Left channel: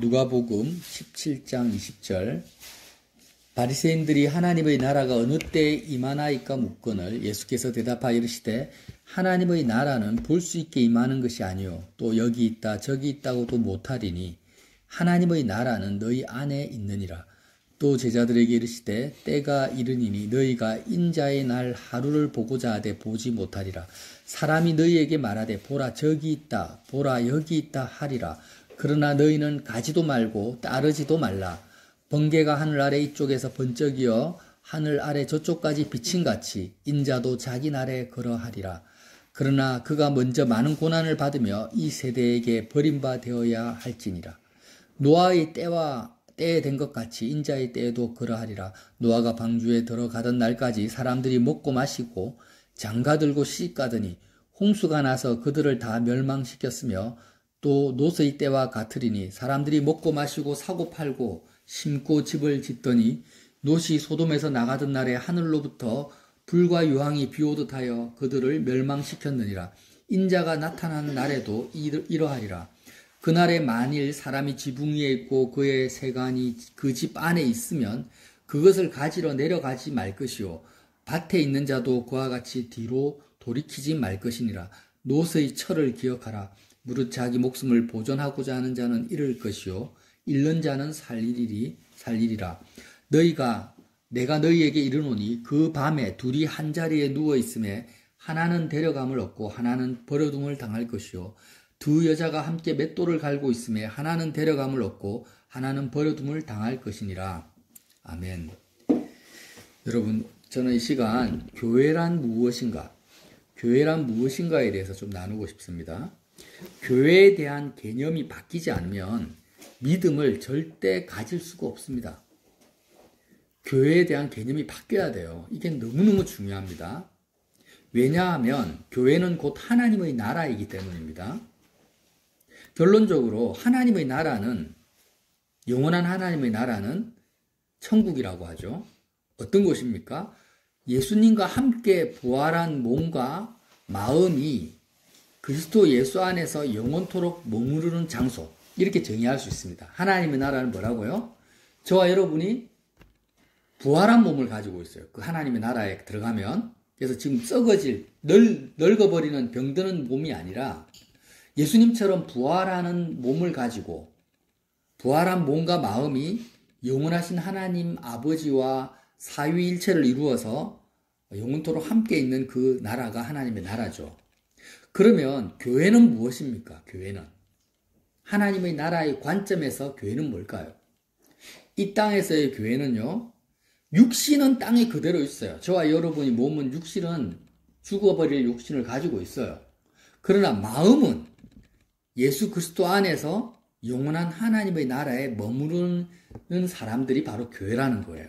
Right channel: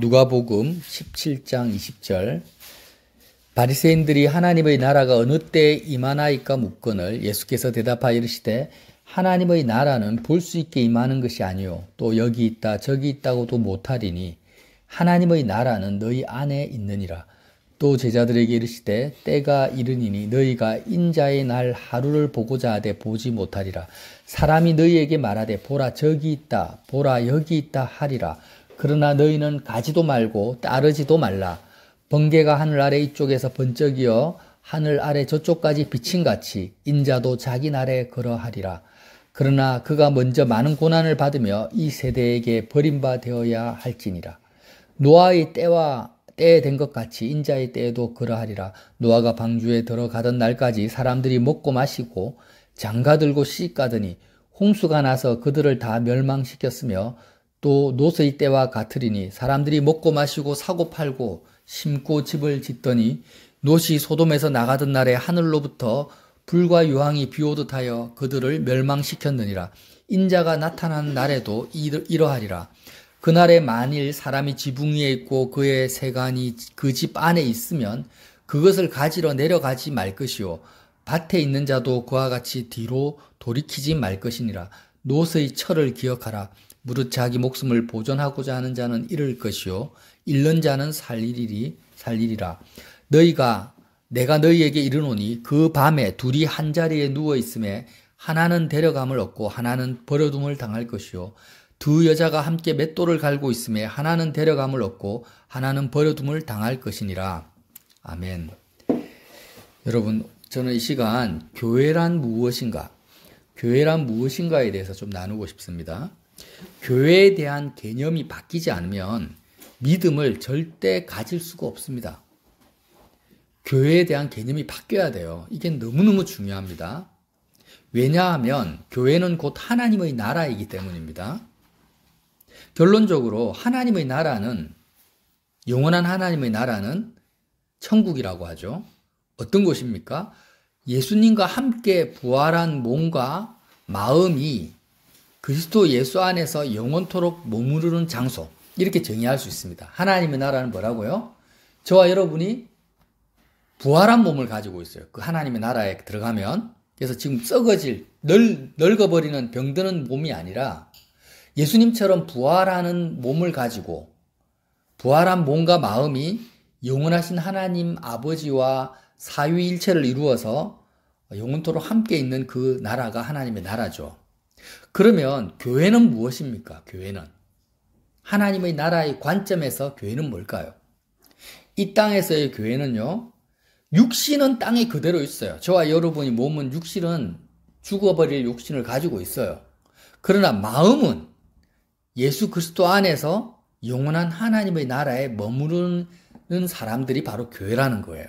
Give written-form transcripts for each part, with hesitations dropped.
누가복음 17장 20절. 바리새인들이 하나님의 나라가 어느 때에 임하나이까 묻거늘 예수께서 대답하여 이르시되 하나님의 나라는 볼 수 있게 임하는 것이 아니요 또 여기 있다 저기 있다고도 못하리니 하나님의 나라는 너희 안에 있느니라. 또 제자들에게 이르시되 때가 이르니니 너희가 인자의 날 하루를 보고자 하되 보지 못하리라. 사람이 너희에게 말하되 보라 저기 있다 보라 여기 있다 하리라. 그러나 너희는 가지도 말고 따르지도 말라. 번개가 하늘 아래 이쪽에서 번쩍이어 하늘 아래 저쪽까지 비침같이 인자도 자기 날에 그러하리라. 그러나 그가 먼저 많은 고난을 받으며 이 세대에게 버림바 되어야 할지니라. 노아의 때에 된 것 같이 인자의 때에도 그러하리라. 노아가 방주에 들어가던 날까지 사람들이 먹고 마시고 장가들고 시집가더니 홍수가 나서 그들을 다 멸망시켰으며 또 노스의 때와 같으리니 사람들이 먹고 마시고 사고 팔고 심고 집을 짓더니 롯이 소돔에서 나가던 날에 하늘로부터 불과 유황이 비오듯 하여 그들을 멸망시켰느니라. 인자가 나타난 날에도 이러하리라. 그날에 만일 사람이 지붕 위에 있고 그의 세간이 그 집 안에 있으면 그것을 가지러 내려가지 말 것이요 밭에 있는 자도 그와 같이 뒤로 돌이키지 말 것이니라. 롯의 철을 기억하라. 무릇 자기 목숨을 보존하고자 하는 자는 잃을 것이요 잃는 자는 살리리라. 내가 너희에게 이르노니 그 밤에 둘이 한 자리에 누워 있음에 하나는 데려감을 얻고 하나는 버려둠을 당할 것이요 두 여자가 함께 맷돌을 갈고 있음에 하나는 데려감을 얻고 하나는 버려둠을 당할 것이니라. 아멘. 여러분, 저는 이 시간 교회란 무엇인가에 대해서 좀 나누고 싶습니다. 교회에 대한 개념이 바뀌지 않으면 믿음을 절대 가질 수가 없습니다. 교회에 대한 개념이 바뀌어야 돼요. 이게 너무너무 중요합니다. 왜냐하면 교회는 곧 하나님의 나라이기 때문입니다. 결론적으로 하나님의 나라는, 영원한 하나님의 나라는 천국이라고 하죠. 어떤 곳입니까? 예수님과 함께 부활한 몸과 마음이 그리스도 예수 안에서 영원토록 머무르는 장소, 이렇게 정의할 수 있습니다. 하나님의 나라는 뭐라고요? 저와 여러분이 부활한 몸을 가지고 있어요. 그 하나님의 나라에 들어가면. 그래서 지금 썩어질, 늙어버리는 병드는 몸이 아니라 예수님처럼 부활하는 몸을 가지고 부활한 몸과 마음이 영원하신 하나님 아버지와 사위일체를 이루어서 영원토록 함께 있는 그 나라가 하나님의 나라죠. 그러면 교회는 무엇입니까? 교회는 하나님의 나라의 관점에서 교회는 뭘까요? 이 땅에서의 교회는요, 육신은 땅에 그대로 있어요. 저와 여러분이 몸은 육신은 죽어버릴 육신을 가지고 있어요. 그러나 마음은 예수 그리스도 안에서 영원한 하나님의 나라에 머무르는 사람들이 바로 교회라는 거예요.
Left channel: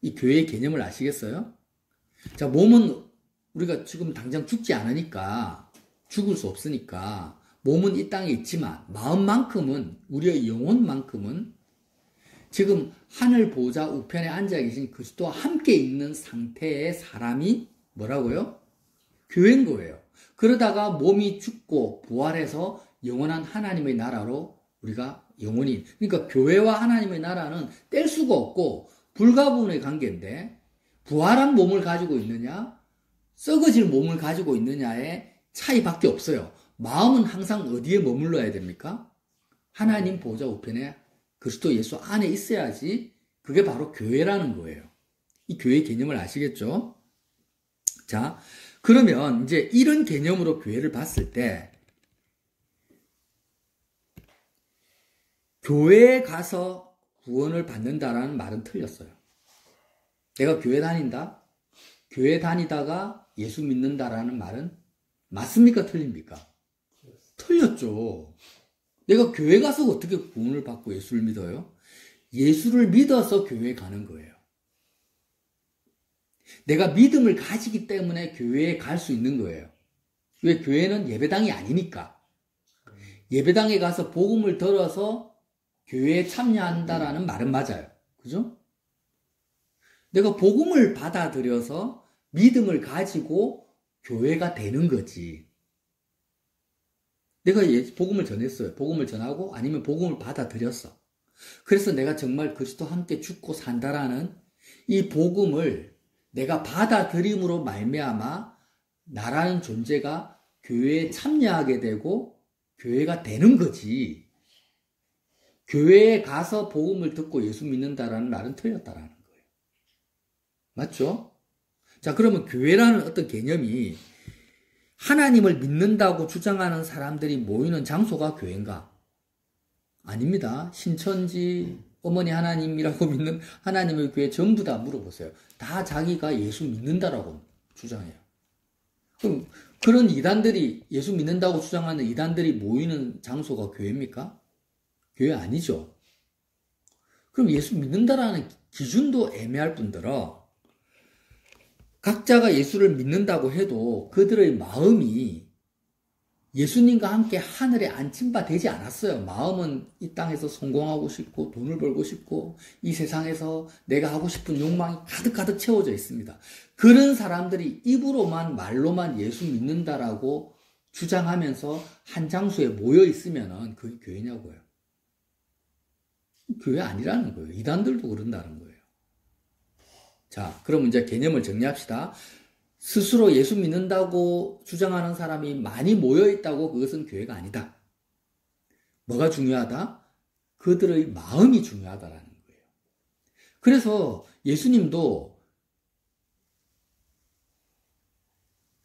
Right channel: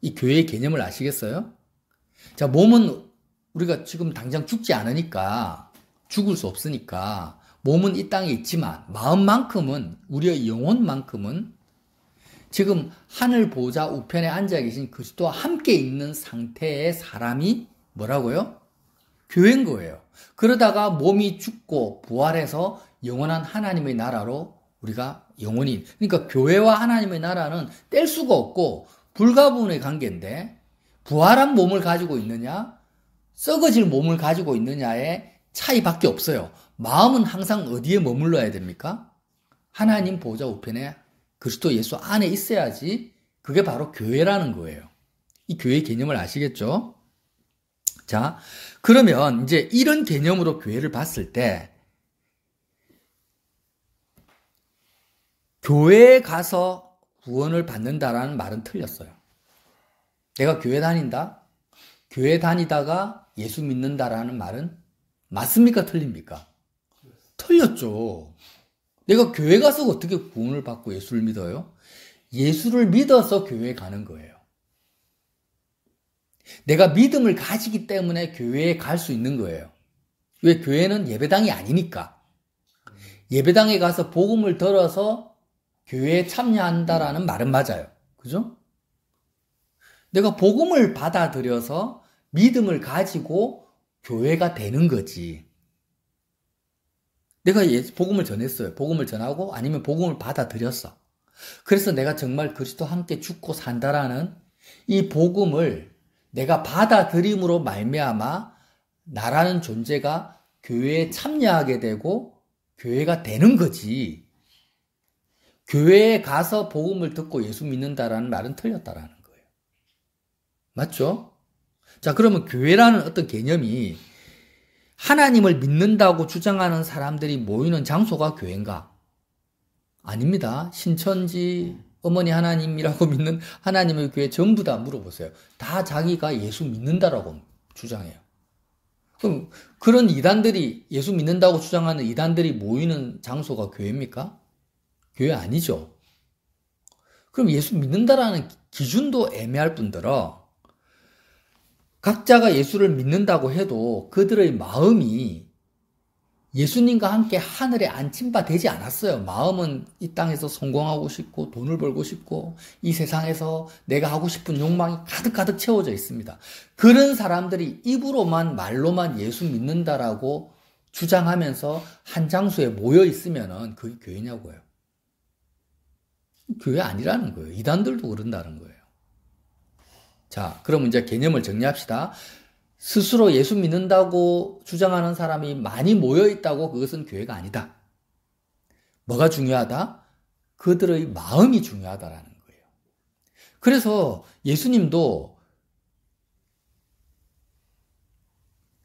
이 교회의 개념을 아시겠어요? 자, 몸은 우리가 지금 당장 죽지 않으니까, 죽을 수 없으니까 몸은 이 땅에 있지만 마음만큼은, 우리의 영혼만큼은 지금 하늘 보좌 우편에 앉아 계신 그리스도와 함께 있는 상태의 사람이 뭐라고요? 교회인 거예요. 그러다가 몸이 죽고 부활해서 영원한 하나님의 나라로 우리가 영원히, 그러니까 교회와 하나님의 나라는 뗄 수가 없고 불가분의 관계인데, 부활한 몸을 가지고 있느냐 썩어질 몸을 가지고 있느냐의 차이밖에 없어요. 마음은 항상 어디에 머물러야 됩니까? 하나님 보좌 우편에 그리스도 예수 안에 있어야지. 그게 바로 교회라는 거예요. 이 교회 개념을 아시겠죠? 자, 그러면 이제 이런 개념으로 교회를 봤을 때 교회에 가서 구원을 받는다라는 말은 틀렸어요. 내가 교회 다닌다? 교회 다니다가 예수 믿는다라는 말은 맞습니까? 틀립니까? 틀렸죠. 내가 교회 가서 어떻게 구원을 받고 예수를 믿어요? 예수를 믿어서 교회에 가는 거예요. 내가 믿음을 가지기 때문에 교회에 갈 수 있는 거예요. 왜? 교회는 예배당이 아니니까. 예배당에 가서 복음을 들어서 교회에 참여한다라는 말은 맞아요. 그죠? 내가 복음을 받아들여서 믿음을 가지고 교회가 되는 거지. 내가 복음을 전했어요. 복음을 전하고 아니면 복음을 받아들였어. 그래서 내가 정말 그리스도와 함께 죽고 산다라는 이 복음을 내가 받아들임으로 말미암아 나라는 존재가 교회에 참여하게 되고 교회가 되는 거지. 교회에 가서 복음을 듣고 예수 믿는다라는 말은 틀렸다라는 거예요. 맞죠? 자, 그러면 교회라는 어떤 개념이 하나님을 믿는다고 주장하는 사람들이 모이는 장소가 교회인가? 아닙니다. 신천지 어머니 하나님이라고 믿는 하나님의 교회 전부 다 물어보세요. 다 자기가 예수 믿는다라고 주장해요. 그럼 그런 이단들이 예수 믿는다고 주장하는 이단들이 모이는 장소가 교회입니까? 교회 아니죠. 그럼 예수 믿는다라는 기준도 애매할 뿐더러 각자가 예수를 믿는다고 해도 그들의 마음이 예수님과 함께 하늘에 안침바 되지 않았어요. 마음은 이 땅에서 성공하고 싶고 돈을 벌고 싶고 이 세상에서 내가 하고 싶은 욕망이 가득가득 채워져 있습니다. 그런 사람들이 입으로만 말로만 예수 믿는다라고 주장하면서 한 장소에 모여 있으면은 그게 교회냐고요. 교회 아니라는 거예요. 이단들도 그런다는 거예요. 자, 그럼 이제 개념을 정리합시다. 스스로 예수 믿는다고 주장하는 사람이 많이 모여있다고 그것은 교회가 아니다. 뭐가 중요하다? 그들의 마음이 중요하다라는 거예요. 그래서 예수님도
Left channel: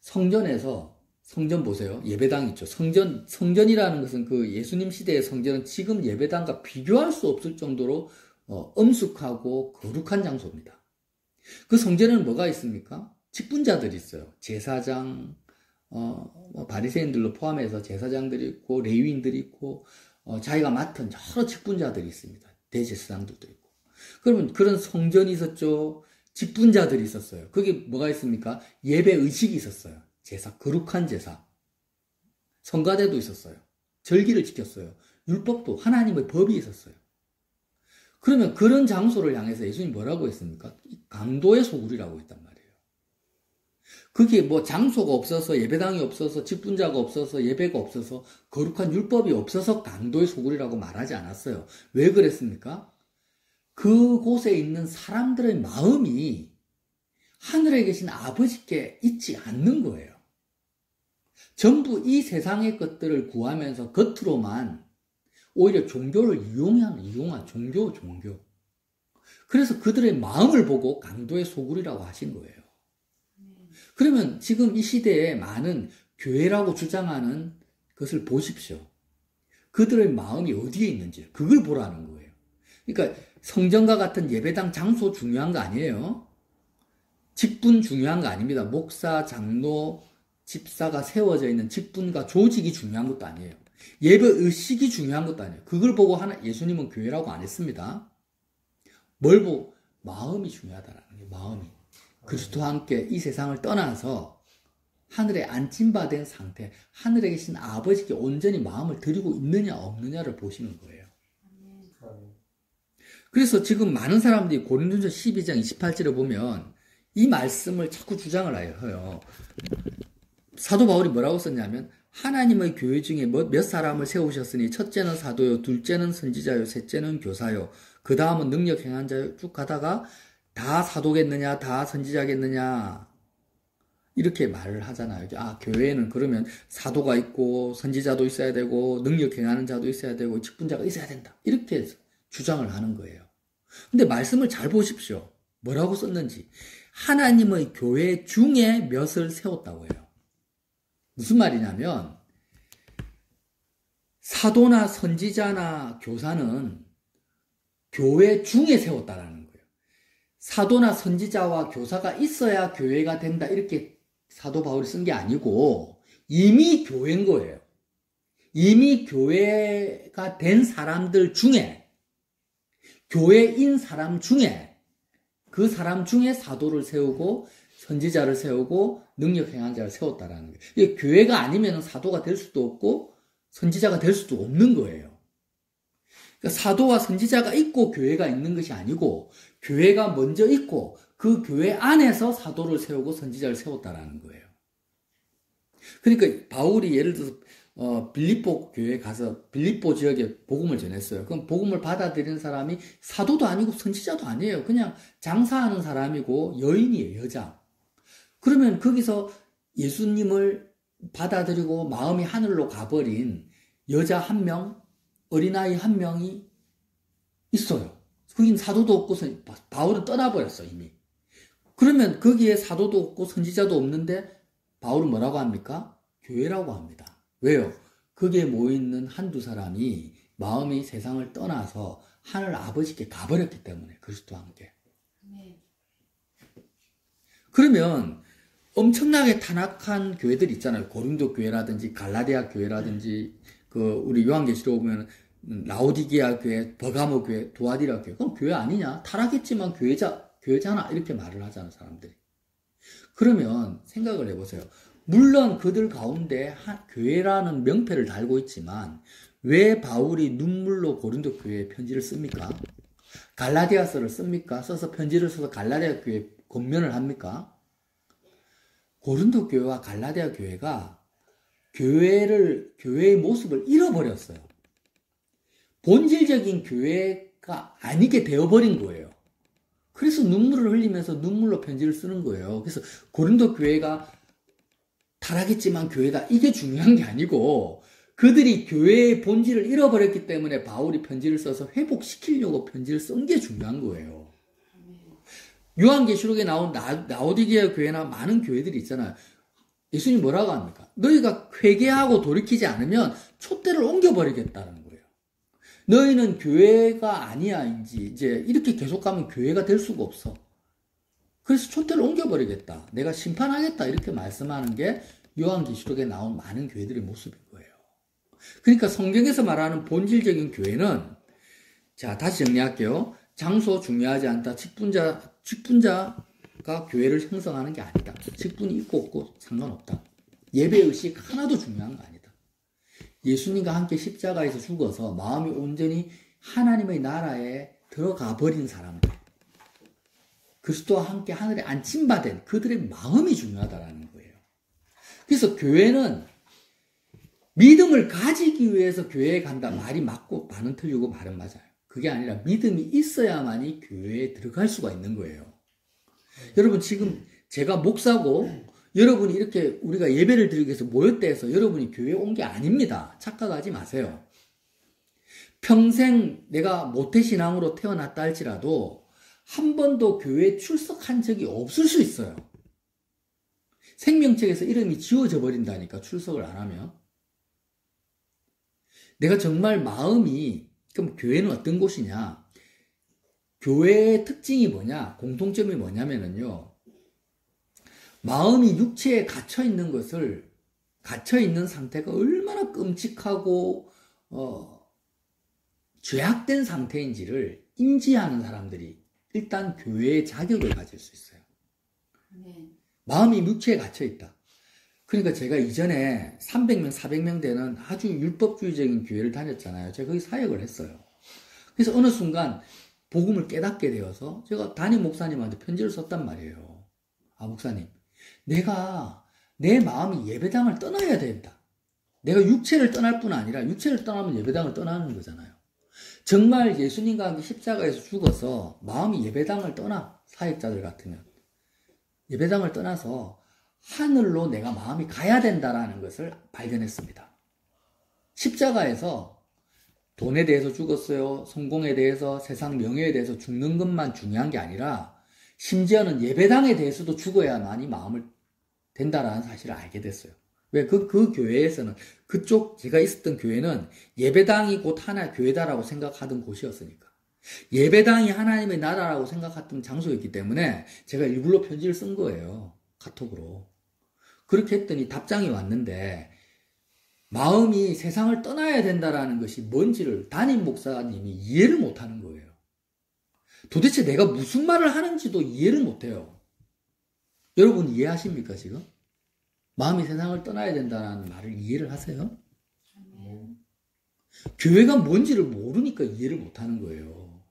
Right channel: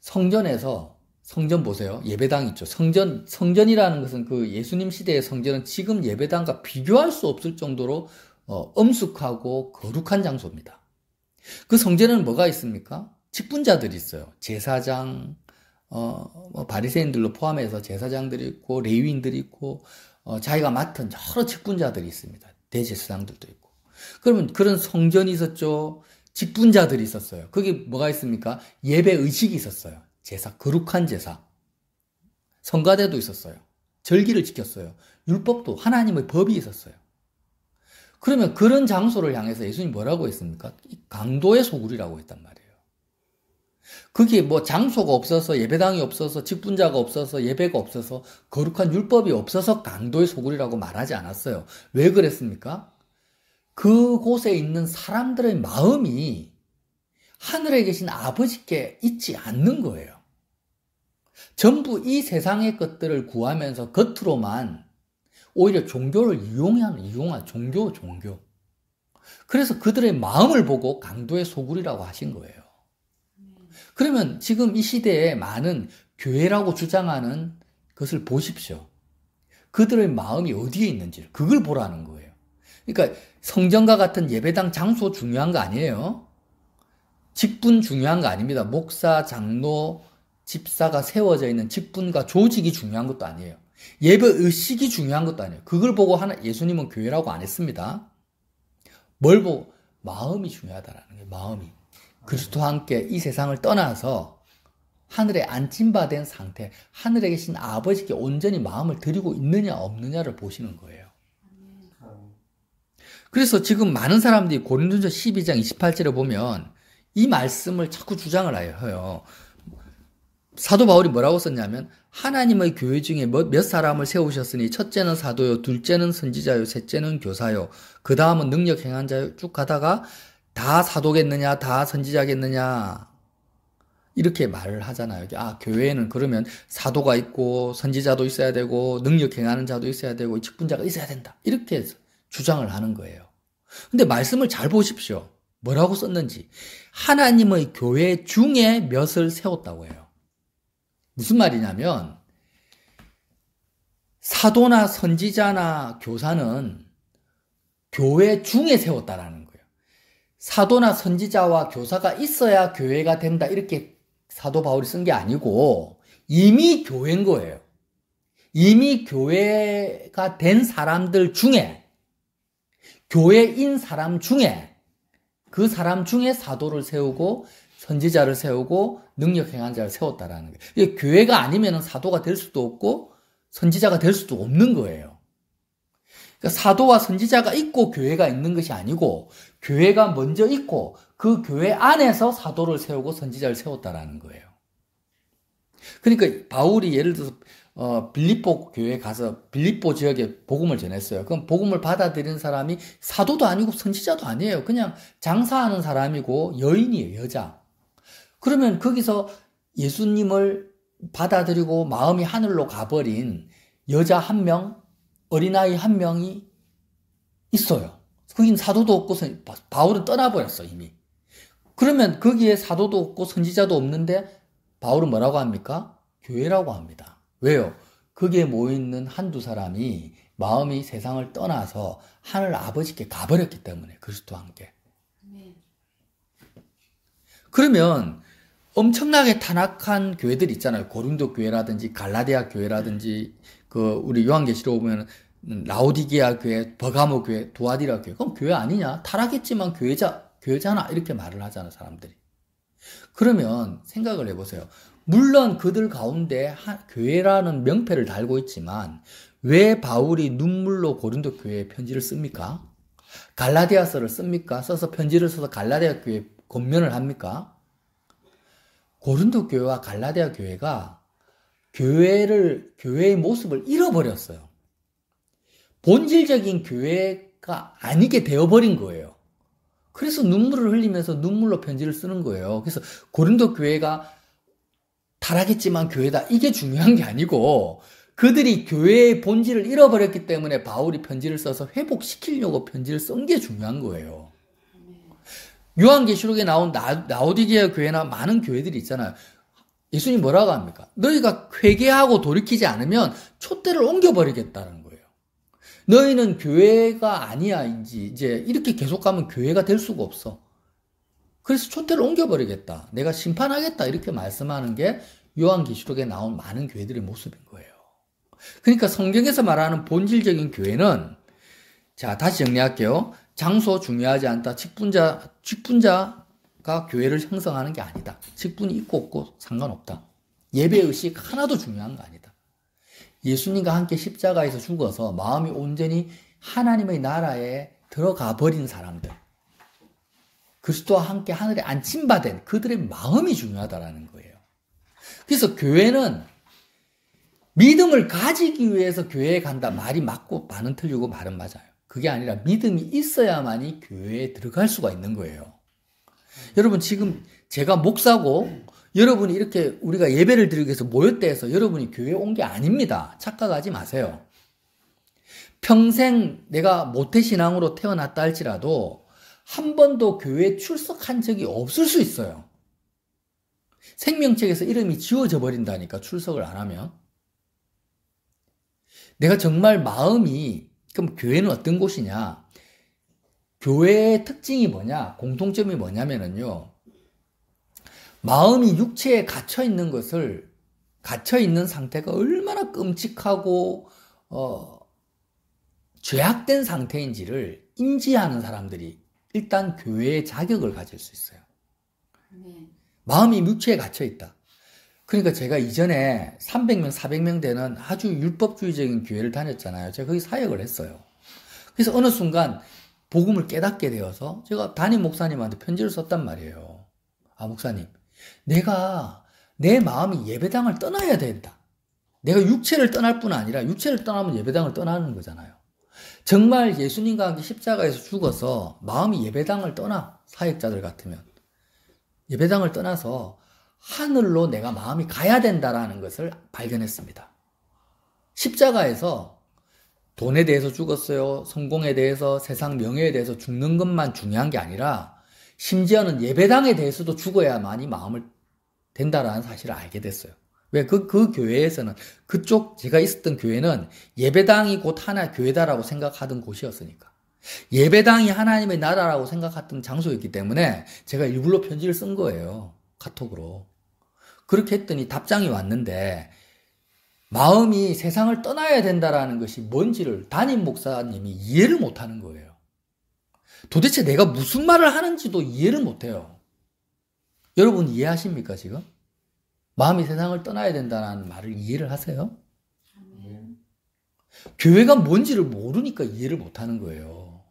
성전에서, 성전 보세요. 예배당 있죠. 성전이라는 것은 그 예수님 시대의 성전은 지금 예배당과 비교할 수 없을 정도로 엄숙하고 거룩한 장소입니다. 그 성전에는 뭐가 있습니까? 직분자들이 있어요. 제사장, 바리새인들로 포함해서 제사장들이 있고, 레위인들이 있고, 자기가 맡은 여러 직분자들이 있습니다. 대제사장들도 있고. 그러면 그런 성전이 있었죠. 직분자들이 있었어요. 거기 뭐가 있습니까? 예배 의식이 있었어요. 제사, 거룩한 제사. 성가대도 있었어요. 절기를 지켰어요. 율법도 하나님의 법이 있었어요. 그러면 그런 장소를 향해서 예수님이 뭐라고 했습니까? 강도의 소굴이라고 했단 말이에요. 그게 뭐 장소가 없어서 예배당이 없어서 직분자가 없어서 예배가 없어서 거룩한 율법이 없어서 강도의 소굴이라고 말하지 않았어요. 왜 그랬습니까? 그곳에 있는 사람들의 마음이 하늘에 계신 아버지께 있지 않는 거예요. 전부 이 세상의 것들을 구하면서 겉으로만 오히려 종교를 이용한 종교. 그래서 그들의 마음을 보고 강도의 소굴이라고 하신 거예요. 그러면 지금 이 시대에 많은 교회라고 주장하는 것을 보십시오. 그들의 마음이 어디에 있는지 그걸 보라는 거예요. 그러니까 성전과 같은 예배당 장소 중요한 거 아니에요. 직분 중요한 거 아닙니다. 목사, 장로, 집사가 세워져 있는 직분과 조직이 중요한 것도 아니에요. 예배 의식이 중요한 것도 아니에요. 그걸 보고 예수님은 교회라고 안 했습니다. 뭘 보고? 마음이 중요하다라는 거예요. 마음이. 그리스도와 함께 이 세상을 떠나서 하늘에 안침받은 상태, 하늘에 계신 아버지께 온전히 마음을 드리고 있느냐 없느냐를 보시는 거예요. 그래서 지금 많은 사람들이 고린도전서 12장 28절에 보면 이 말씀을 자꾸 주장을 해요. 사도 바울이 뭐라고 썼냐면 하나님의 교회 중에 몇 사람을 세우셨으니 첫째는 사도요, 둘째는 선지자요, 셋째는 교사요, 그 다음은 능력 행한 자요. 쭉 가다가 다 사도겠느냐, 다 선지자겠느냐 이렇게 말을 하잖아요. 교회에는 그러면 사도가 있고 선지자도 있어야 되고 능력 행하는 자도 있어야 되고 직분자가 있어야 된다. 이렇게 주장을 하는 거예요. 근데 말씀을 잘 보십시오. 뭐라고 썼는지. 하나님의 교회 중에 몇을 세웠다고 해요. 무슨 말이냐면 사도나 선지자나 교사는 교회 중에 세웠다라는 거예요. 사도나 선지자와 교사가 있어야 교회가 된다 이렇게 사도 바울이 쓴 게 아니고 이미 교회인 거예요. 이미 교회가 된 사람들 중에 교회인 사람 중에 그 사람 중에 사도를 세우고 선지자를 세우고 능력 행한 자를 세웠다라는 거예요. 이게 교회가 아니면 사도가 될 수도 없고 선지자가 될 수도 없는 거예요. 그러니까 사도와 선지자가 있고 교회가 있는 것이 아니고 교회가 먼저 있고 그 교회 안에서 사도를 세우고 선지자를 세웠다라는 거예요. 그러니까 바울이 예를 들어서 빌립보 교회에 가서 빌립보 지역에 복음을 전했어요. 그럼 복음을 받아들인 사람이 사도도 아니고 선지자도 아니에요. 그냥 장사하는 사람이고 여인이에요, 여자. 그러면 거기서 예수님을 받아들이고 마음이 하늘로 가버린 여자 한 명, 어린아이 한 명이 있어요. 거긴 사도도 없고 바울은 떠나버렸어, 이미. 그러면 거기에 사도도 없고 선지자도 없는데 바울은 뭐라고 합니까? 교회라고 합니다. 왜요? 거기에 모여있는 한두 사람이 마음이 세상을 떠나서 하늘 아버지께 가버렸기 때문에 그리스도와 함께. 그러면 엄청나게 타락한 교회들 있잖아요. 고린도 교회라든지 갈라디아 교회라든지 우리 요한계시록 보면 라오디게아 교회, 버가모 교회, 두아디라 교회. 그럼 교회 아니냐? 타락했지만 교회잖아. 이렇게 말을 하잖아, 사람들이. 그러면 생각을 해보세요. 물론 그들 가운데 교회라는 명패를 달고 있지만 왜 바울이 눈물로 고린도 교회에 편지를 씁니까? 갈라디아서를 씁니까? 써서 편지를 써서 갈라디아 교회에 권면을 합니까? 고린도 교회와 갈라디아 교회가 교회의 모습을 잃어버렸어요. 본질적인 교회가 아니게 되어버린 거예요. 그래서 눈물을 흘리면서 눈물로 편지를 쓰는 거예요. 그래서 고린도 교회가 타락했지만 교회다. 이게 중요한 게 아니고 그들이 교회의 본질을 잃어버렸기 때문에 바울이 편지를 써서 회복시키려고 편지를 쓴 게 중요한 거예요. 요한계시록에 나온 라오디게아 교회나 많은 교회들이 있잖아요. 예수님 뭐라고 합니까? 너희가 회개하고 돌이키지 않으면 촛대를 옮겨버리겠다는 거예요. 너희는 교회가 아니야. 이제 이렇게 계속 가면 교회가 될 수가 없어. 그래서 촛대를 옮겨버리겠다. 내가 심판하겠다. 이렇게 말씀하는 게 요한계시록에 나온 많은 교회들의 모습인 거예요. 그러니까 성경에서 말하는 본질적인 교회는, 자, 다시 정리할게요. 장소 중요하지 않다. 직분자가 교회를 형성하는 게 아니다. 직분이 있고 없고 상관없다. 예배의식 하나도 중요한 거 아니다. 예수님과 함께 십자가에서 죽어서 마음이 온전히 하나님의 나라에 들어가 버린 사람들, 그리스도와 함께 하늘에 안침받은 그들의 마음이 중요하다라는 거예요. 그래서 교회는 믿음을 가지기 위해서 교회에 간다. 말이 맞고 말은 틀리고 말은 맞아요. 그게 아니라 믿음이 있어야만이 교회에 들어갈 수가 있는 거예요. 여러분 지금 제가 목사고 여러분이 이렇게 우리가 예배를 드리기 위해서 모였다 해서 여러분이 교회에 온 게 아닙니다. 착각하지 마세요. 평생 내가 모태신앙으로 태어났다 할지라도 한 번도 교회에 출석한 적이 없을 수 있어요. 생명책에서 이름이 지워져 버린다니까, 출석을 안 하면. 내가 정말 마음이, 그럼 교회는 어떤 곳이냐? 교회의 특징이 뭐냐? 공통점이 뭐냐면요. 마음이 육체에 갇혀있는 갇혀있는 상태가 얼마나 끔찍하고, 죄악된 상태인지를 인지하는 사람들이 일단 교회의 자격을 가질 수 있어요. 마음이 육체에 갇혀있다. 그러니까 제가 이전에 300명, 400명 되는 아주 율법주의적인 교회를 다녔잖아요. 제가 거기 사역을 했어요. 그래서 어느 순간 복음을 깨닫게 되어서 제가 담임 목사님한테 편지를 썼단 말이에요. 아, 목사님, 내가 내 마음이 예배당을 떠나야 된다. 내가 육체를 떠날 뿐 아니라 육체를 떠나면 예배당을 떠나는 거잖아요. 정말 예수님과 함께 십자가에서 죽어서 마음이 예배당을 떠나, 사역자들 같으면 예배당을 떠나서 하늘로 내가 마음이 가야 된다라는 것을 발견했습니다. 십자가에서 돈에 대해서 죽었어요. 성공에 대해서, 세상 명예에 대해서 죽는 것만 중요한 게 아니라 심지어는 예배당에 대해서도 죽어야만이 마음을 된다라는 사실을 알게 됐어요. 왜? 그 교회에서는, 그쪽 제가 있었던 교회는 예배당이 곧 하나 교회다라고 생각하던 곳이었으니까. 예배당이 하나님의 나라라고 생각했던 장소였기 때문에 제가 일부러 편지를 쓴 거예요. 카톡으로. 그렇게 했더니 답장이 왔는데 마음이 세상을 떠나야 된다라는 것이 뭔지를 담임 목사님이 이해를 못하는 거예요. 도대체 내가 무슨 말을 하는지도 이해를 못해요. 여러분 이해하십니까 지금? 마음이 세상을 떠나야 된다는 말을 이해를 하세요? 교회가 뭔지를 모르니까 이해를 못하는 거예요.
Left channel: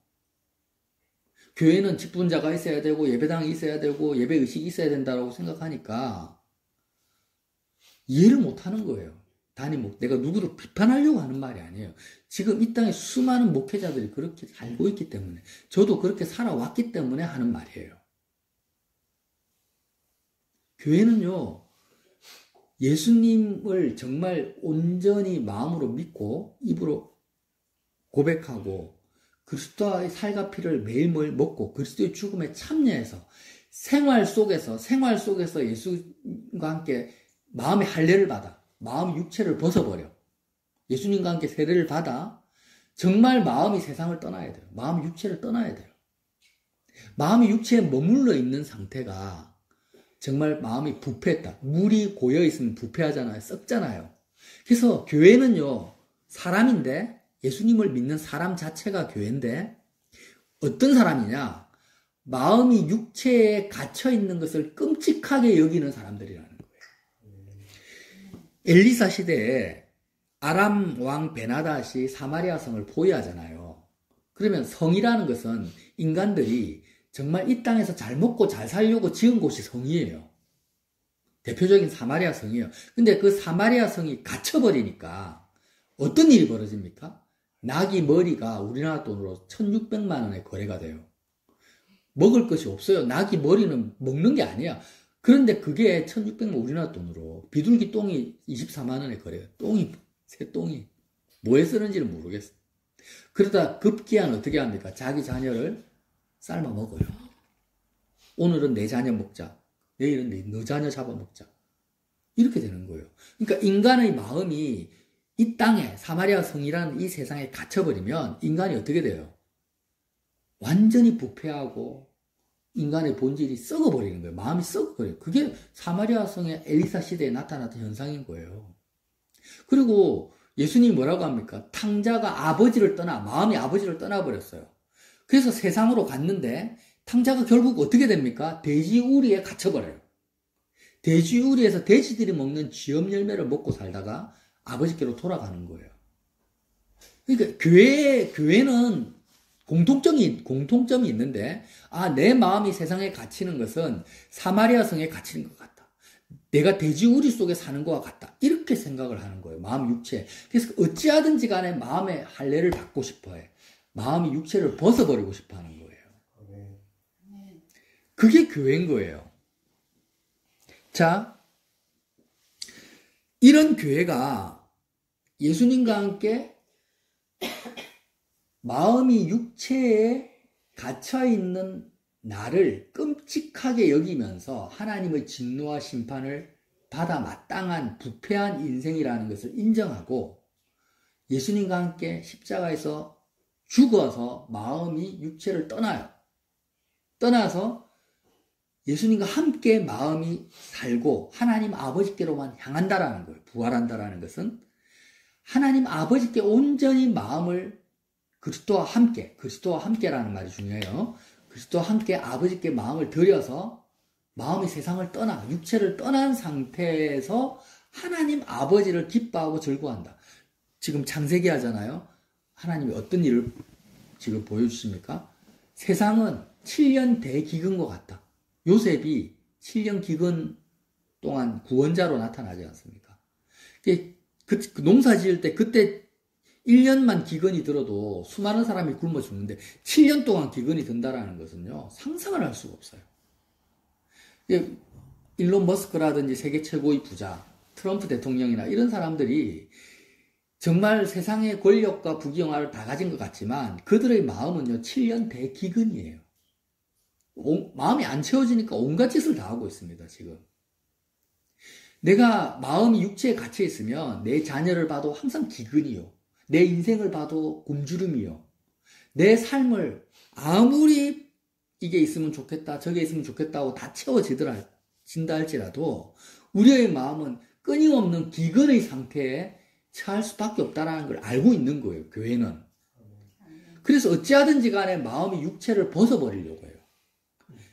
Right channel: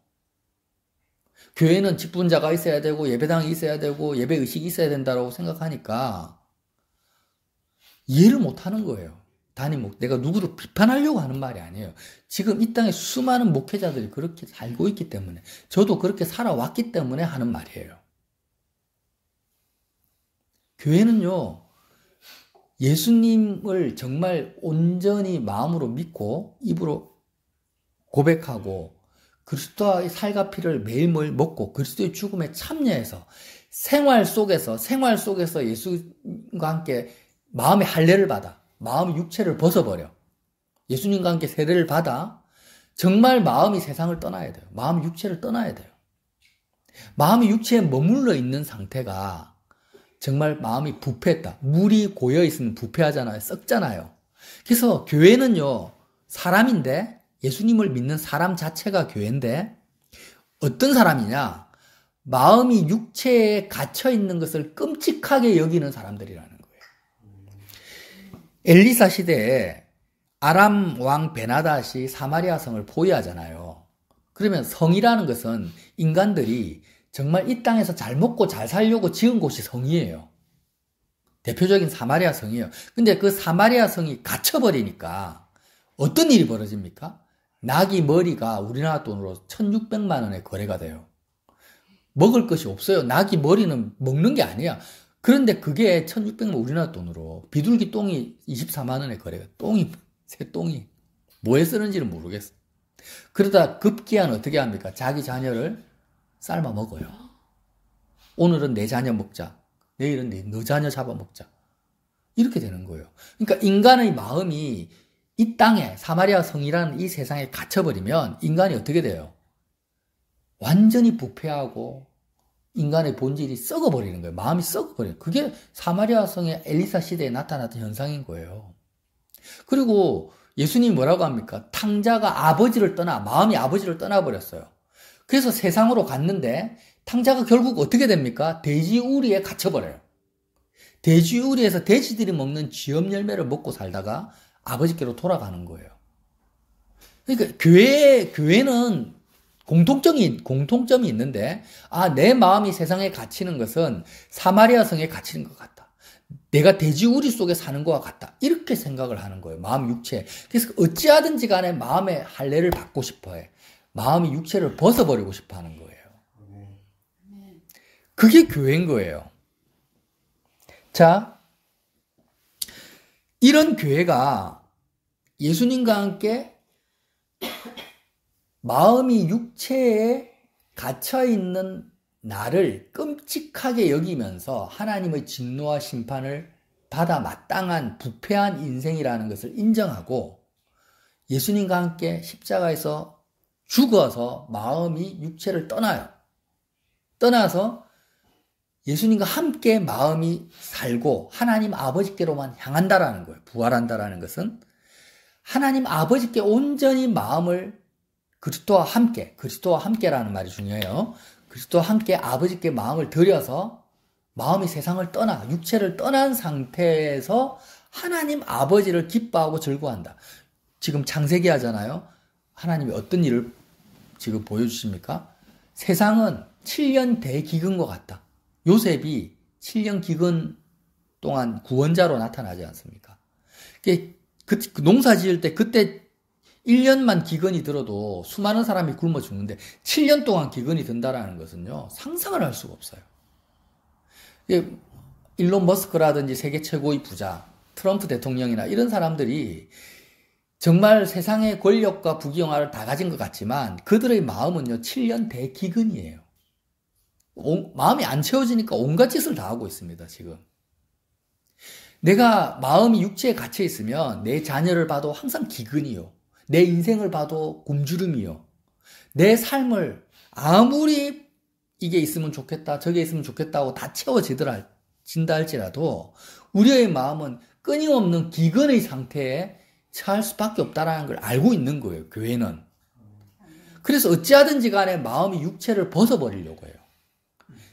교회는 직분자가 있어야 되고 예배당이 있어야 되고 예배의식이 있어야 된다고 생각하니까 이해를 못하는 거예요. 내가 누구를 비판하려고 하는 말이 아니에요. 지금 이 땅에 수많은 목회자들이 그렇게 살고 있기 때문에, 저도 그렇게 살아왔기 때문에 하는 말이에요. 교회는요, 예수님을 정말 온전히 마음으로 믿고 입으로 고백하고 그리스도의 살과 피를 매일매일 먹고 그리스도의 죽음에 참여해서 생활 속에서 예수님과 함께 마음의 할례를 받아, 마음의 육체를 벗어버려 예수님과 함께 세례를 받아 정말 마음이 세상을 떠나야 돼요. 마음이 육체를 떠나야 돼요. 마음이 육체에 머물러 있는 상태가 정말 마음이 부패했다. 물이 고여 있으면 부패하잖아요. 썩잖아요. 그래서 교회는요, 사람인데, 예수님을 믿는 사람 자체가 교회인데, 어떤 사람이냐? 마음이 육체에 갇혀 있는 것을 끔찍하게 여기는 사람들이라는 거예요. 엘리사 시대에 아람 왕 베나닷이 사마리아 성을 포위하잖아요. 그러면 성이라는 것은 인간들이 정말 이 땅에서 잘 먹고 잘 살려고 지은 곳이 성이에요. 대표적인 사마리아 성이에요. 근데 그 사마리아 성이 갇혀버리니까 어떤 일이 벌어집니까? 나귀 머리가 우리나라 돈으로 1600만 원에 거래가 돼요. 먹을 것이 없어요. 나귀 머리는 먹는 게 아니야. 그런데 그게 1600만 원 우리나라 돈으로 비둘기 똥이 24만 원에 거래가 똥이 새 똥이 뭐에 쓰는지는 모르겠어. 그러다 급기야는 어떻게 합니까? 자기 자녀를 삶아 먹어요. 오늘은 내 자녀 먹자. 내일은 너 자녀 잡아먹자. 이렇게 되는 거예요. 그러니까 인간의 마음이 이 땅에 사마리아 성이라는 이 세상에 갇혀버리면 인간이 어떻게 돼요? 완전히 부패하고 인간의 본질이 썩어버리는 거예요. 마음이 썩어버려요. 그게 사마리아 성의 엘리사 시대에 나타났던 현상인 거예요. 그리고 예수님이 뭐라고 합니까? 탕자가 아버지를 떠나, 마음이 아버지를 떠나버렸어요. 그래서 세상으로 갔는데 탕자가 결국 어떻게 됩니까? 돼지우리에 갇혀버려요. 돼지우리에서 돼지들이 먹는 쥐염 열매를 먹고 살다가 아버지께로 돌아가는 거예요. 그러니까 교회는 공통점이 있는데, 내 마음이 세상에 갇히는 것은 사마리아 성에 갇히는 것 같다. 내가 돼지우리 속에 사는 것과 같다. 이렇게 생각을 하는 거예요. 마음, 육체. 그래서 어찌하든지 간에 마음의 할례를 받고 싶어 해. 마음이 육체를 벗어버리고 싶어 하는 거예요. 그게 교회인 거예요. 자, 이런 교회가 예수님과 함께 마음이 육체에 갇혀있는 나를 끔찍하게 여기면서 하나님의 진노와 심판을 받아 마땅한 부패한 인생이라는 것을 인정하고 예수님과 함께 십자가에서 죽어서 마음이 육체를 떠나요. 떠나서 예수님과 함께 마음이 살고 하나님 아버지께로만 향한다라는 거예요. 부활한다라는 것은 하나님 아버지께 온전히 마음을 그리스도와 함께라는 말이 중요해요. 그리스도와 함께 아버지께 마음을 들여서 마음이 세상을 떠나 육체를 떠난 상태에서 하나님 아버지를 기뻐하고 즐거워한다. 지금 창세기 하잖아요. 하나님이 어떤 일을 지금 보여주십니까? 세상은 7년 대기근과 같다. 요셉이 7년 기근 동안 구원자로 나타나지 않습니까? 그 농사 지을 때 그때 1년만 기근이 들어도 수많은 사람이 굶어 죽는데 7년 동안 기근이 든다라는 것은요, 상상을 할 수가 없어요. 일론 머스크라든지 세계 최고의 부자, 트럼프 대통령이나 이런 사람들이 정말 세상의 권력과 부귀영화를 다 가진 것 같지만 그들의 마음은요, 7년 대기근이에요. 마음이 안 채워지니까 온갖 짓을 다 하고 있습니다, 지금. 내가 마음이 육체에 갇혀 있으면 내 자녀를 봐도 항상 기근이요. 내 인생을 봐도 굶주림이요. 내 삶을 아무리 이게 있으면 좋겠다, 저게 있으면 좋겠다고 다 채워진다 할지라도 우리의 마음은 끊임없는 기근의 상태에 처할 수밖에 없다는 걸 알고 있는 거예요, 교회는. 그래서 어찌하든지 간에 마음이 육체를 벗어버리려고 해요.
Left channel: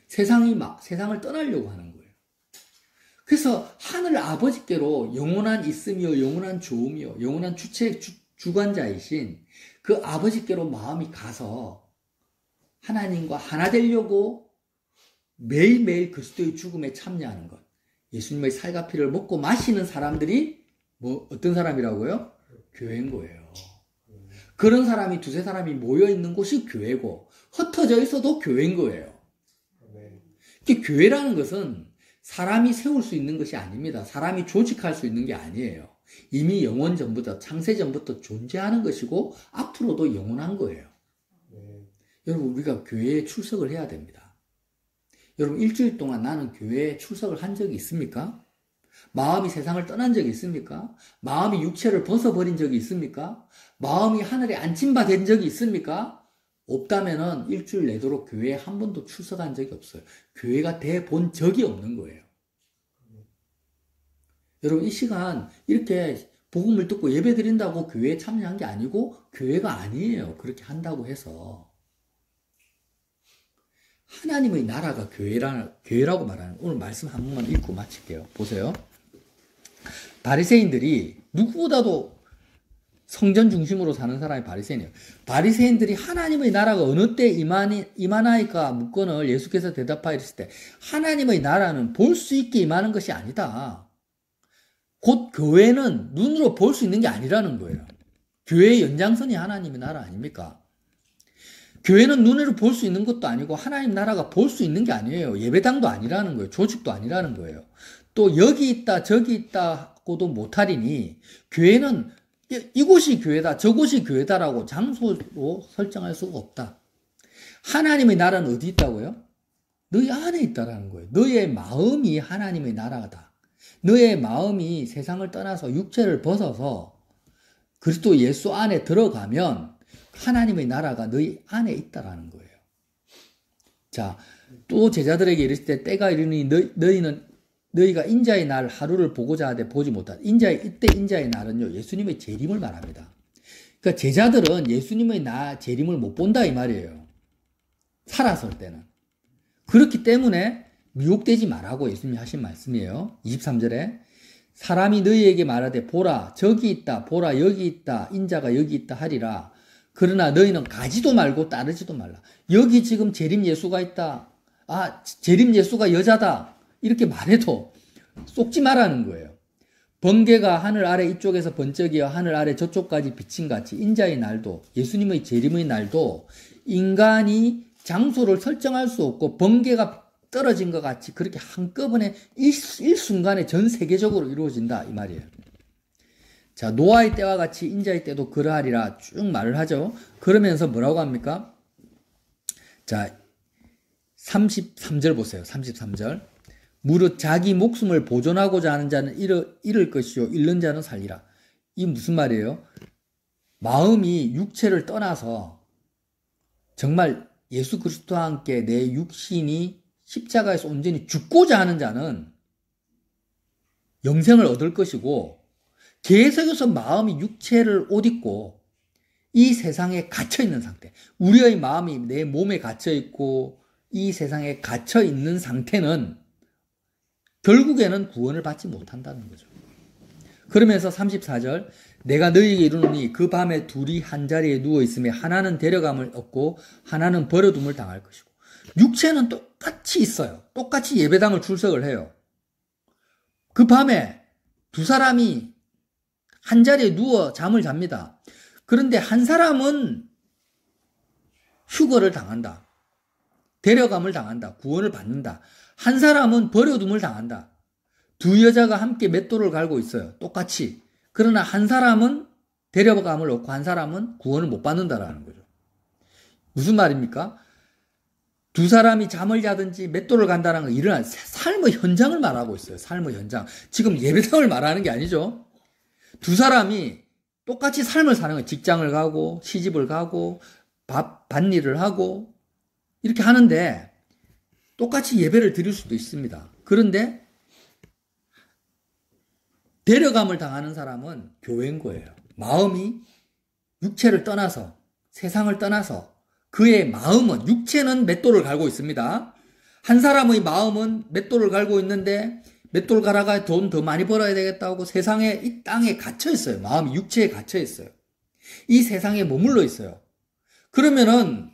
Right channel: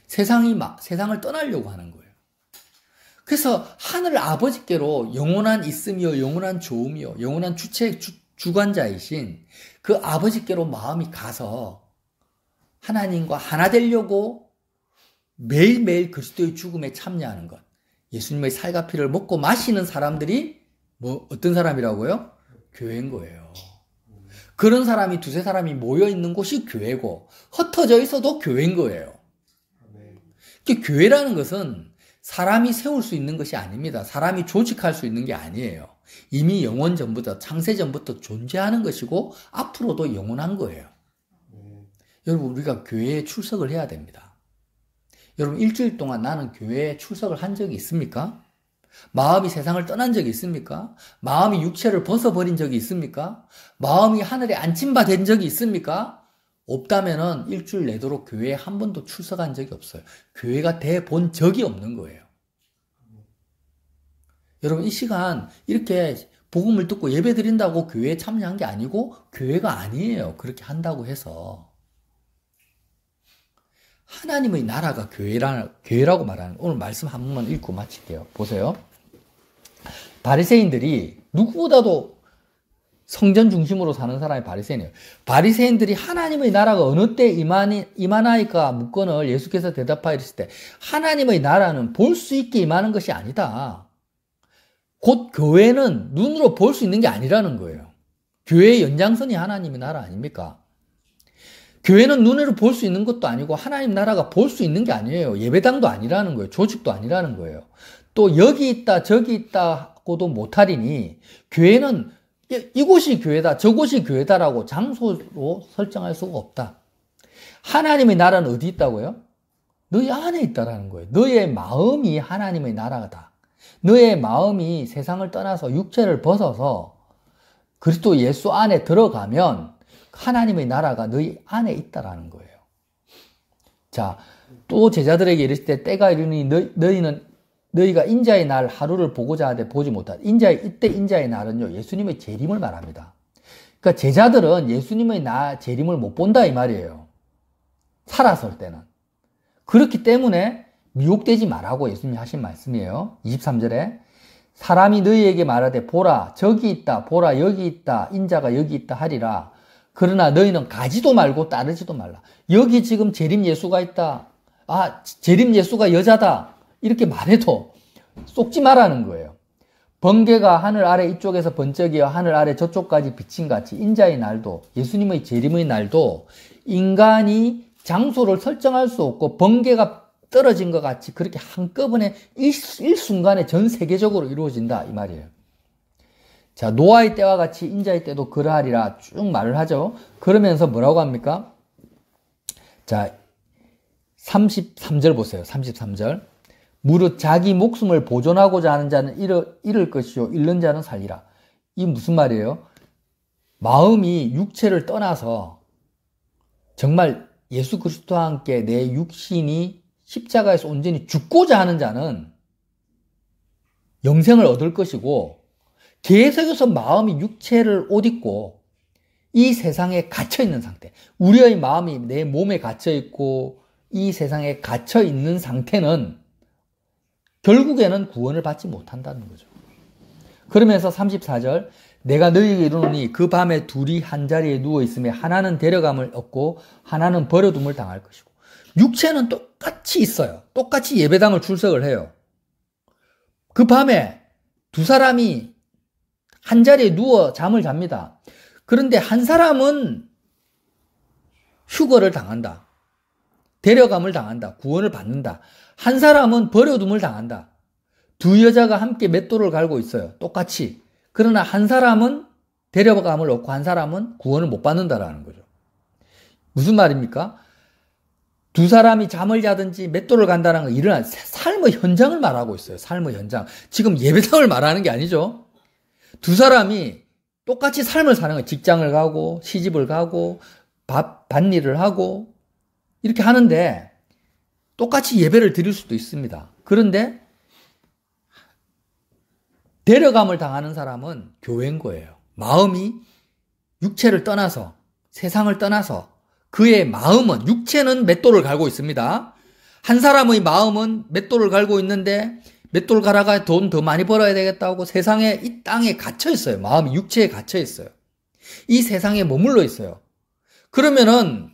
세상을 떠나려고 하는 거예요. 그래서 하늘 아버지께로 영원한 있음이요, 영원한 좋음이요, 영원한 주관자이신 그 아버지께로 마음이 가서 하나님과 하나 되려고 매일매일 그리스도의 죽음에 참여하는 것, 예수님의 살과 피를 먹고 마시는 사람들이 어떤 사람이라고요? 교회인 거예요. 그런 사람이 두세 사람이 모여 있는 곳이 교회고 흩어져 있어도 교회인 거예요. 교회라는 것은 사람이 세울 수 있는 것이 아닙니다. 사람이 조직할 수 있는 게 아니에요. 이미 영원 전부터 창세 전부터 존재하는 것이고 앞으로도 영원한 거예요. 여러분 우리가 교회에 출석을 해야 됩니다. 여러분 일주일 동안 나는 교회에 출석을 한 적이 있습니까? 마음이 세상을 떠난 적이 있습니까? 마음이 육체를 벗어버린 적이 있습니까? 마음이 하늘에 안침받은 적이 있습니까? 없다면은 일주일 내도록 교회에 한 번도 출석한 적이 없어요. 교회가 돼 본 적이 없는 거예요. 여러분 이 시간 이렇게 복음을 듣고 예배 드린다고 교회에 참여한 게 아니고 교회가 아니에요. 그렇게 한다고 해서. 하나님의 나라가 교회라고 말하는 오늘 말씀 한 번만 읽고 마칠게요. 보세요. 바리새인들이 누구보다도 성전 중심으로 사는 사람이 바리새인이에요. 바리새인들이 하나님의 나라가 어느 때 임하나이까 묻건을 예수께서 대답하였을 때 하나님의 나라는 볼 수 있게 임하는 것이 아니다. 곧 교회는 눈으로 볼 수 있는 게 아니라는 거예요. 교회의 연장선이 하나님의 나라 아닙니까? 교회는 눈으로 볼 수 있는 것도 아니고 하나님 나라가 볼 수 있는 게 아니에요. 예배당도 아니라는 거예요. 조직도 아니라는 거예요. 또 여기 있다 저기 있다고도 못하리니 교회는 이곳이 교회다 저곳이 교회다라고 장소로 설정할 수가 없다. 하나님의 나라는 어디 있다고요? 너희 안에 있다라는 거예요. 너의 마음이 하나님의 나라다. 너의 마음이 세상을 떠나서 육체를 벗어서 그리스도 예수 안에 들어가면 하나님의 나라가 너희 안에 있다라는 거예요. 자, 또 제자들에게 이르실 때 때가 이르니 너희가 인자의 날 하루를 보고자 하되 보지 못하다. 이때 인자의 날은요, 예수님의 재림을 말합니다. 그러니까 제자들은 예수님의 재림을 못 본다 이 말이에요. 살았을 때는. 그렇기 때문에 미혹되지 말라고 예수님이 하신 말씀이에요. 23절에 사람이 너희에게 말하되 보라 저기 있다 보라 여기 있다 인자가 여기 있다 하리라. 그러나 너희는 가지도 말고 따르지도 말라. 여기 지금 재림 예수가 있다. 재림 예수가 여자다. 이렇게 말해도 쏙지 말라는 거예요. 번개가 하늘 아래 이쪽에서 번쩍이어 하늘 아래 저쪽까지 비친 같이 인자의 날도 예수님의 재림의 날도 인간이 장소를 설정할 수 없고 번개가 떨어진 것 같이 그렇게 한꺼번에 일순간에 전 세계적으로 이루어진다 이 말이에요. 자, 노아의 때와 같이 인자의 때도 그러하리라 쭉 말을 하죠. 그러면서 뭐라고 합니까? 자, 33절 보세요. 33절. 무릇 자기 목숨을 보존하고자 하는 자는 잃을 것이요 잃는 자는 살리라. 이 무슨 말이에요? 마음이 육체를 떠나서 정말 예수 그리스도와 함께 내 육신이 십자가에서 온전히 죽고자 하는 자는 영생을 얻을 것이고 계속해서 마음이 육체를 옷 입고 이 세상에 갇혀있는 상태, 우리의 마음이 내 몸에 갇혀있고 이 세상에 갇혀있는 상태는 결국에는 구원을 받지 못한다는 거죠. 그러면서 34절 내가 너희에게 이르노니 그 밤에 둘이 한 자리에 누워있으며 하나는 데려감을 얻고 하나는 버려둠을 당할 것이고 육체는 똑같이 있어요. 똑같이 예배당을 출석을 해요. 그 밤에 두 사람이 한 자리에 누워 잠을 잡니다. 그런데 한 사람은 휴거를 당한다. 데려감을 당한다. 구원을 받는다. 한 사람은 버려둠을 당한다. 두 여자가 함께 맷돌을 갈고 있어요. 똑같이. 그러나 한 사람은 데려감을 얻고 한 사람은 구원을 못 받는다라는 거죠. 무슨 말입니까? 두 사람이 잠을 자든지 맷돌을 간다는 건 일어난 삶의 현장을 말하고 있어요. 삶의 현장. 지금 예배당을 말하는 게 아니죠. 두 사람이 똑같이 삶을 사는 거예요. 직장을 가고 시집을 가고 밭일을 하고 이렇게 하는데 똑같이 예배를 드릴 수도 있습니다. 그런데 데려감을 당하는 사람은 교회인 거예요. 마음이 육체를 떠나서 세상을 떠나서 그의 마음은 육체는 맷돌을 갈고 있습니다. 한 사람의 마음은 맷돌을 갈고 있는데 맷돌 갈아가 돈 더 많이 벌어야 되겠다고 세상에 이 땅에 갇혀 있어요. 마음이 육체에 갇혀 있어요. 이 세상에 머물러 있어요. 그러면은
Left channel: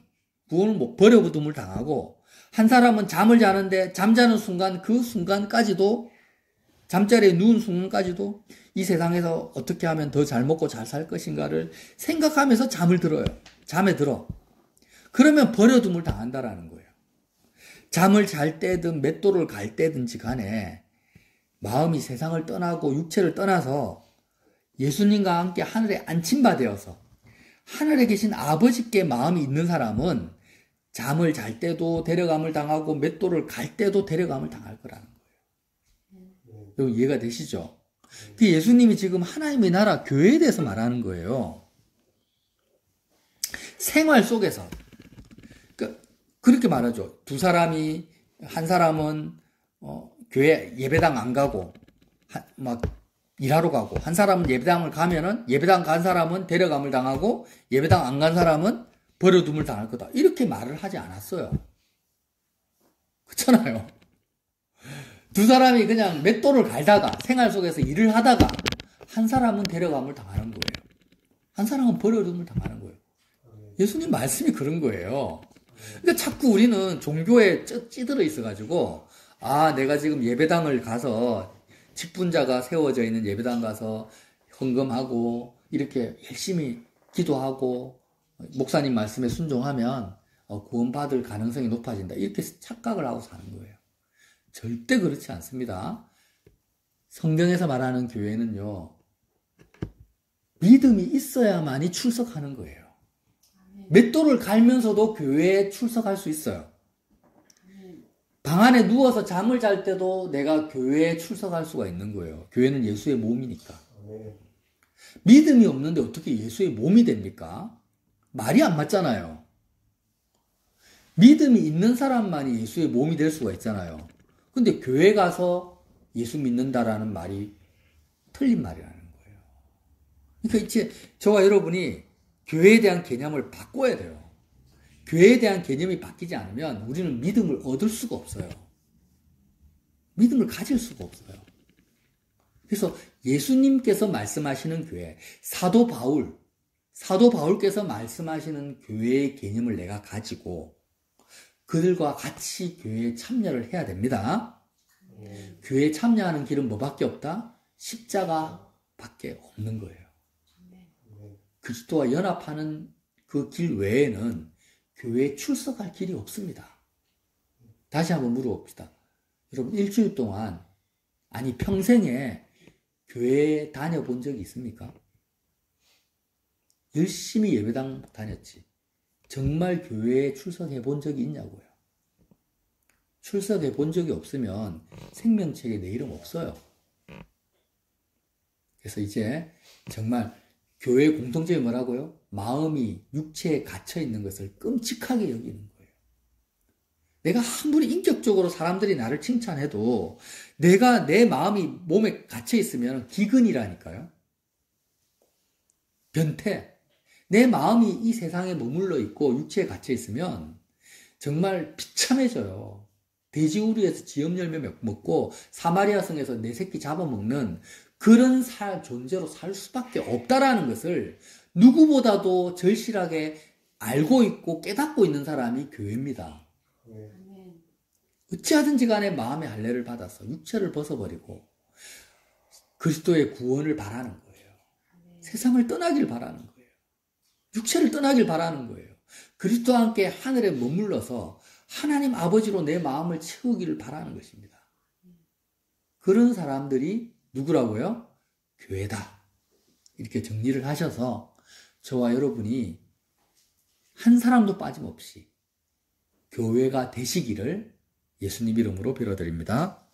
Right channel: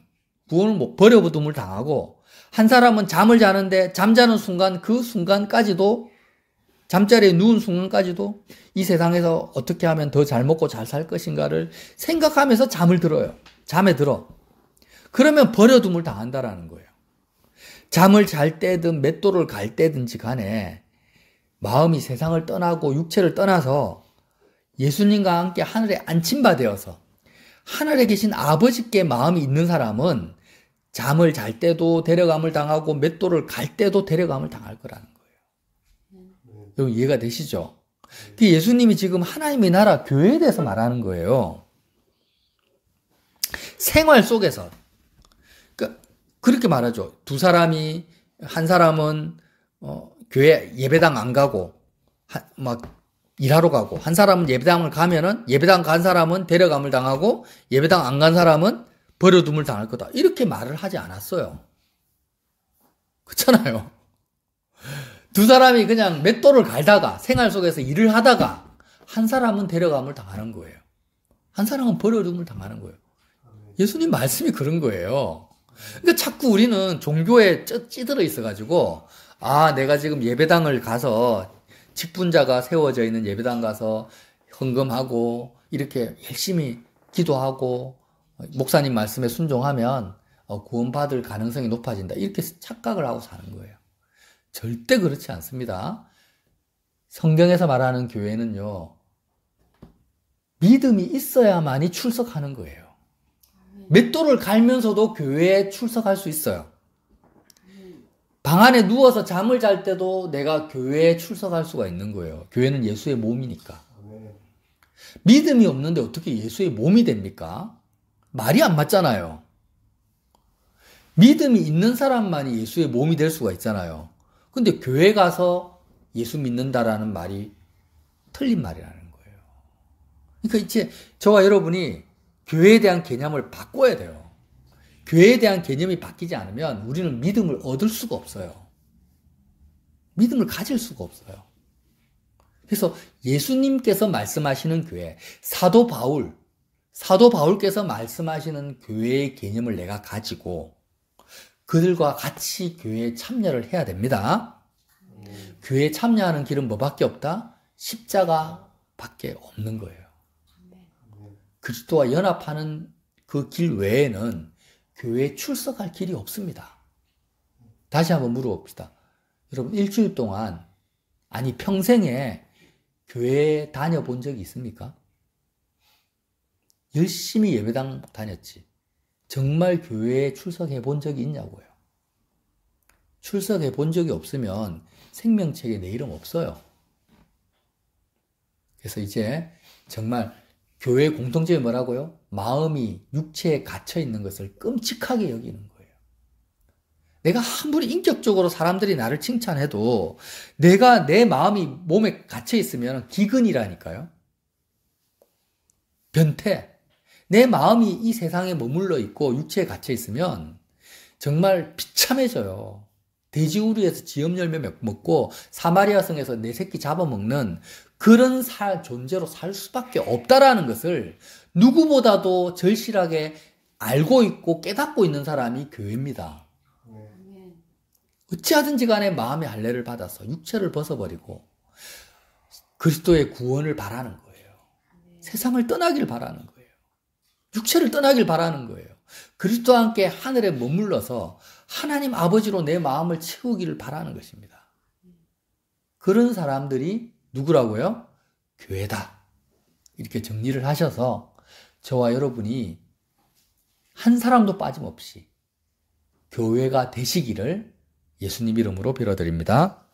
구원을 버려둠을 당하고 한 사람은 잠을 자는데 잠자는 순간 그 순간까지도 잠자리에 누운 순간까지도 이 세상에서 어떻게 하면 더 잘 먹고 잘 살 것인가를 생각하면서 잠을 들어요. 잠에 들어. 그러면 버려둠을 당한다라는 거예요. 잠을 잘 때든 맷돌을 갈 때든지 간에 마음이 세상을 떠나고 육체를 떠나서 예수님과 함께 하늘에 안침바 되어서 하늘에 계신 아버지께 마음이 있는 사람은 잠을 잘 때도 데려감을 당하고 맷돌을 갈 때도 데려감을 당할 거라는 거예요. 여러분 이해가 되시죠? 예수님이 지금 하나님의 나라 교회에 대해서 말하는 거예요. 생활 속에서 그렇게 말하죠. 두 사람이 한 사람은 교회 예배당 안 가고 막 일하러 가고 한 사람은 예배당을 가면은 예배당 간 사람은 데려감을 당하고 예배당 안 간 사람은 버려둠을 당할 거다. 이렇게 말을 하지 않았어요. 그렇잖아요. 두 사람이 그냥 맷돌을 갈다가 생활 속에서 일을 하다가 한 사람은 데려감을 당하는 거예요. 한 사람은 버려둠을 당하는 거예요. 예수님 말씀이 그런 거예요. 그러니까 자꾸 우리는 종교에 찌들어 있어가지고 내가 지금 예배당을 가서 직분자가 세워져 있는 예배당 가서 헌금하고 이렇게 열심히 기도하고 목사님 말씀에 순종하면 구원받을 가능성이 높아진다. 이렇게 착각을 하고 사는 거예요. 절대 그렇지 않습니다. 성경에서 말하는 교회는요. 믿음이 있어야만이 출석하는 거예요. 맷돌을 갈면서도 교회에 출석할 수 있어요. 방 안에 누워서 잠을 잘 때도 내가 교회에 출석할 수가 있는 거예요. 교회는 예수의 몸이니까. 믿음이 없는데 어떻게 예수의 몸이 됩니까? 말이 안 맞잖아요. 믿음이 있는 사람만이 예수의 몸이 될 수가 있잖아요. 근데 교회 가서 예수 믿는다라는 말이 틀린 말이라는 거예요. 그러니까 이제 저와 여러분이 교회에 대한 개념을 바꿔야 돼요. 교회에 대한 개념이 바뀌지 않으면 우리는 믿음을 얻을 수가 없어요. 믿음을 가질 수가 없어요. 그래서 예수님께서 말씀하시는 교회, 사도 바울께서 말씀하시는 교회의 개념을 내가 가지고 그들과 같이 교회에 참여를 해야 됩니다. 교회에 참여하는 길은 뭐밖에 없다? 십자가밖에 없는 거예요. 그리스도와 연합하는 그 길 외에는 교회에 출석할 길이 없습니다. 다시 한번 물어봅시다. 여러분 일주일 동안 아니 평생에 교회에 다녀본 적이 있습니까? 열심히 예배당 다녔지. 정말 교회에 출석해 본 적이 있냐고요. 출석해 본 적이 없으면 생명책에 내 이름 없어요. 그래서 이제 정말 교회 공통점이 뭐라고요? 마음이 육체에 갇혀 있는 것을 끔찍하게 여기는 거예요. 내가 아무리 인격적으로 사람들이 나를 칭찬해도 내 마음이 몸에 갇혀 있으면 기근이라니까요. 변태. 내 마음이 이 세상에 머물러 있고 육체에 갇혀 있으면 정말 비참해져요. 돼지우리에서 지엄열매 먹고 사마리아 성에서 내 새끼 잡아먹는 그런 존재로 살 수밖에 없다라는 것을 누구보다도 절실하게 알고 있고 깨닫고 있는 사람이 교회입니다. 어찌하든지 간에 마음의 할례를 받아서 육체를 벗어버리고 그리스도의 구원을 바라는 거예요. 세상을 떠나길 바라는 거예요. 육체를 떠나길 바라는 거예요. 그리스도와 함께 하늘에 머물러서 하나님 아버지로 내 마음을 채우기를 바라는 것입니다. 그런 사람들이 누구라고요? 교회다. 이렇게 정리를 하셔서 저와 여러분이 한 사람도 빠짐없이 교회가 되시기를 예수님 이름으로 빌어드립니다.